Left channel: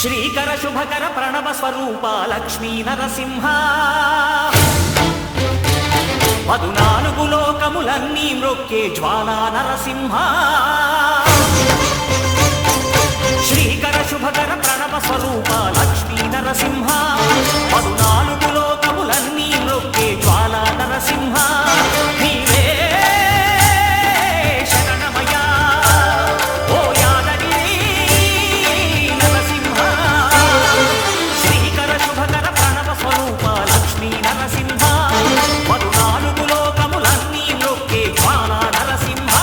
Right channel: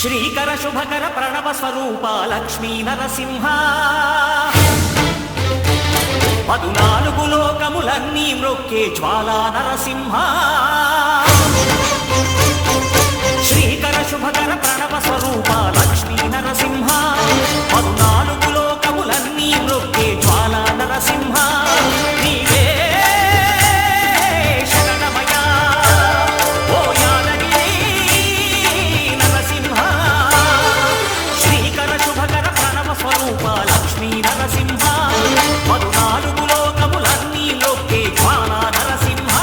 శ్రీకర శుభకర ప్రణవ స్వరూప లక్ష్మీ నరసింహ 14 లోకములన్నీ మ్రొక్కే జ్వాలా నరసింహ శ్రీకర శుభకర ప్రణవ స్వరూప లక్ష్మీ నరసింహ 14 లోకములన్నీ మ్రొక్కే జ్వాలా నరసింహ నీవే శరణమయా ఓ యాదగిరి నరసింహ శ్రీకర శుభకర ప్రణవ స్వరూప లక్ష్మీ నరసింహ 14 లోకములన్నీ మ్రొక్కే జ్వాలా నరసింహ